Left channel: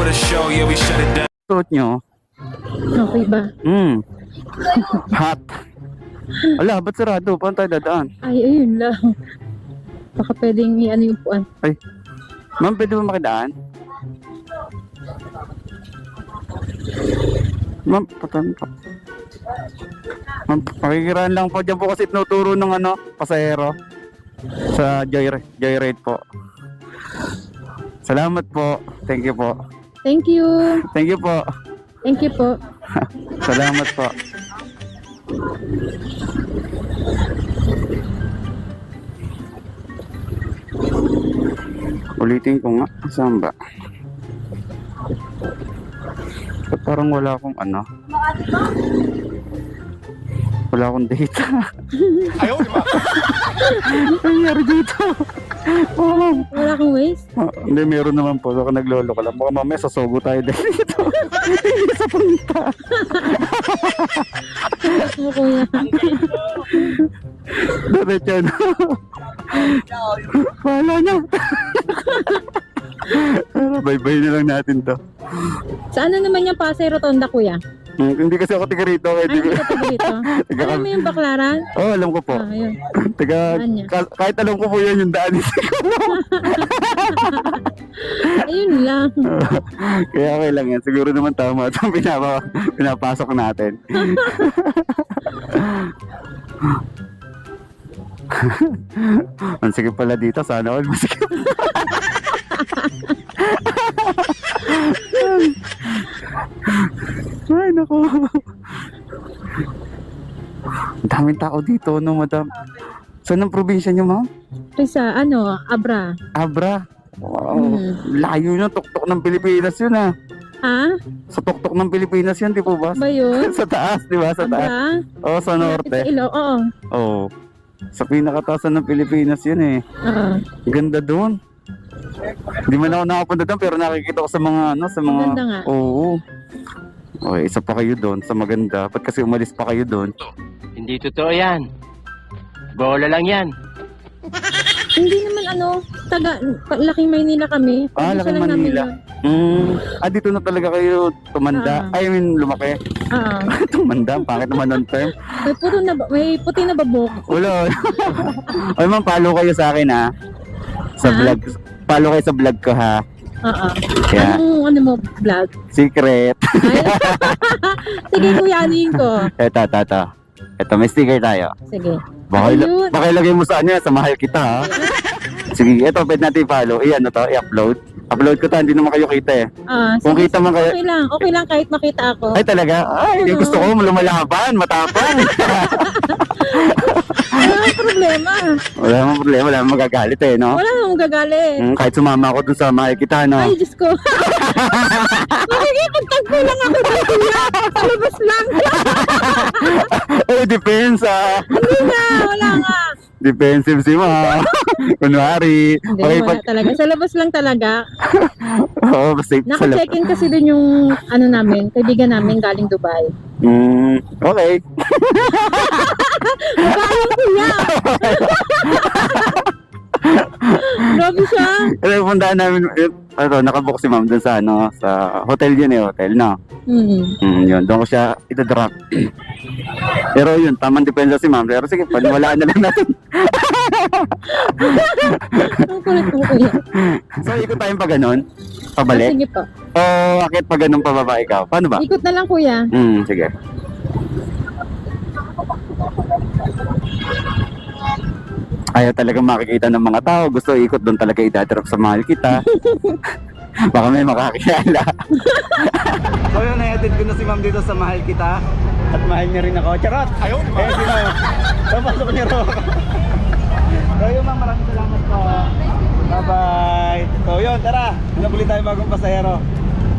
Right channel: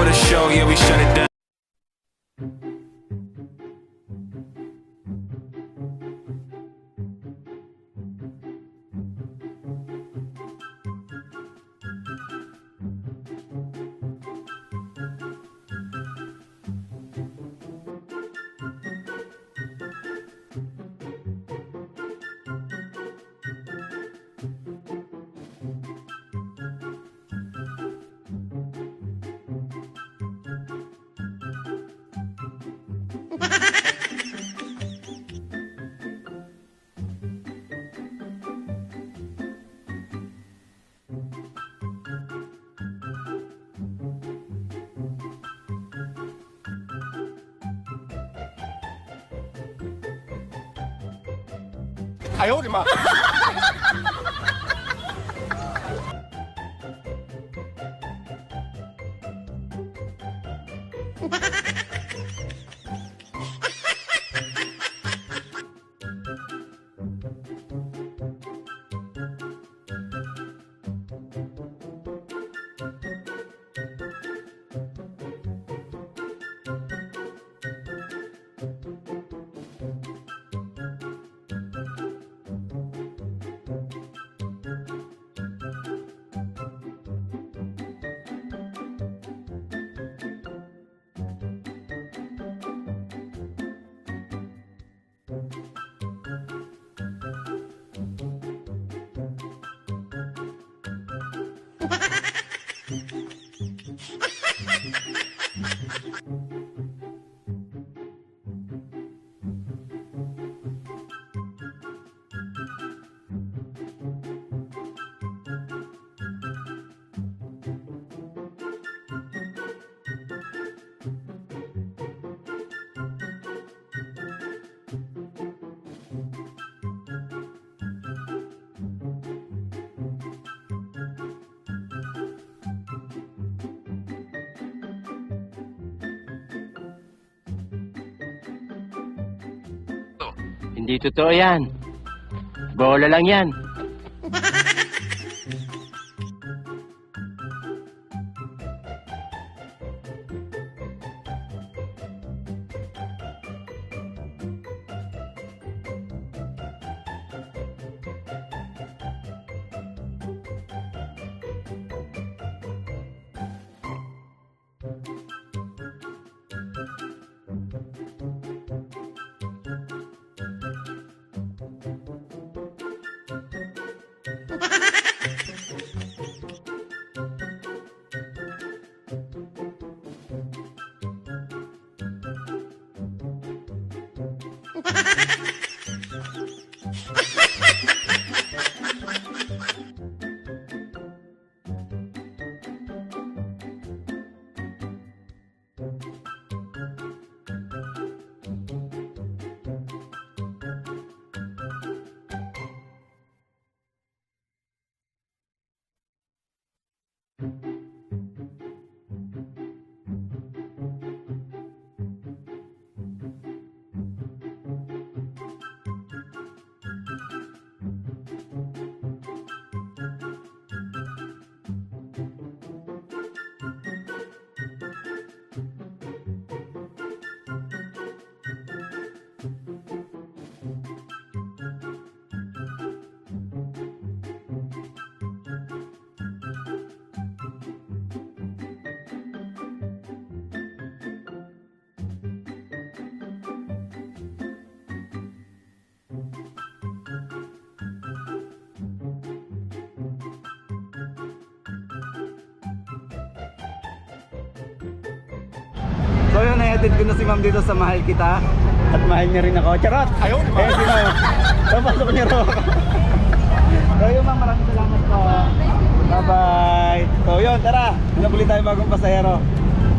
for the show, yeah, we shut it down. Suot nyo. Okay ba? Hot. Ala, ba't sarado? Paano tayo dadaan? Ay, ayun lang. Baka pwedeng i-ano yung puan. Ay, ma'am, pwede ba makidaan? Ma'am, patan po. Ma'am, pakikiraan lang po. Diyan po kasi tinuturo ng pasahero. Sa joyride po. Salamat po. Thank you po. Thank you. Thank you po. Thank you po. Salamat po. Ulitin ko nga. Saan ba? Ba't parang wala akong wala akong data. Ayaw, di ba? Nangyari dito. Wala kang waste? Hindi, meron naman po. Baka naglolo ka lang. Baka mamaya sasugo tayo dito. Hindi sa punta. Ano kuya? Diretso na. Wala na. Bye-bye na lang natin to. Saan na naman yung Pasay Rotonda, kuya? Hindi kasi ako tiga rito. Ay, hindi ka taga dito. Alam mo yung Baklaran? Oo, alam ko po. Ayun. Saan niya? Kahit alam ko po yan yung daan. Ayun lang. Kaya okay lang yan. Siguro naman tama itong pinapasok natin. Ang sige pala dito. Sana all masige. Ay, naku. Ang daming tao dito, no, madam? Saan ang probinsya niyo, ma'am? Sa Abra. Abra. Wow. Layo na, tuktok ng Pilipinas yun, ah. Ha? Sa tuktok ng Pilipinas yan, di po ba? Ba yun? Sa taas, di ba? Sa taas. Abra? Oo, sa norte. Sa Ilo, oo. Oo. Sa pinakatasan ng Pilipinas yun, eh. Oo. Ganda doon. Hindi man ako nakapunta doon, pero nakikita ko sa mga, sa mga... Ganda nga. Oo. Okay, isa pa kayo doon sa maganda. Ba't kasi umalis pa kayo doon? Hindi totoo yan. Bola lang yan. Hindi naman laking Maynila kami. Laking Manila. Dito na talaga kayo tumanda. I mean, lumaki. Oo. Tumanda, pangit naman ng term. May puti na babok. Wala. Ay, ma'am, follow kayo sa akin, ha? Sa vlog. Follow kayo sa vlog ko, ha? Oo. Kaya, Ano mo, vlog? secret. Ay, sige, kuyanin ko. Ito, may sticker tayo. Sige. Baka ilagay mo sa sa mahal kita, ha? Sige, ito, pwede natin i-follow. I-upload. Upload ko ta, hindi naman kayo kita, eh. Kung Sige, kita man kayo... Okay lang kahit makita ako. Ay, talaga? Ay, yung gusto ko, lumalaban, matapang. Wala problema. Wala namang problema, wala namang magagalit, eh, no? Wala namang gagalit. Kahit sumama ako dun sa mahal kita, no? Ay, Diyos ko. Makikipagtagpo lang ako ng kuya. Palabas lang. Depends, Hindi na, wala nga. Defensive si Ma. Kunwari. Hindi, Okay, wala talaga. Sa labas lang talaga. Oo, safe sa labas. Naka-check-in kasi dun yung namin, kaibigan namin galing Dubai. Okay. Bayo kuya. Grabe siya. Kasi puntaan namin, nakabook si Ma'am dun sa, sa hotel yun, hotel, no? Yun, doon ko siya itadrop. Pero yun, tamang depensa si Ma'am. Pero sige, paniwalaan na lang natin. Ang kulit mo kuya. So, ikot tayong pa ganun? Pabalik? Sige po. O, akit pa ganun pababa ikaw? Paano ba? Ikot na lang kuya. Sige. Ayaw talagang makikita ng mga tao. Gusto ikot doon talaga idadrop sa mahal kita. Baka may makakilala. So yun, na-edit ko na si Ma'am dito sa mahal kita. At mahal niya rin ako. Charot! Ayaw, di ba? Si Ma'am. Papasok niya rin ako. So yun, Ma'am, maraming salamat po. Bye-bye. So yun, tara. Hanap ulit tayo bagong pasahero.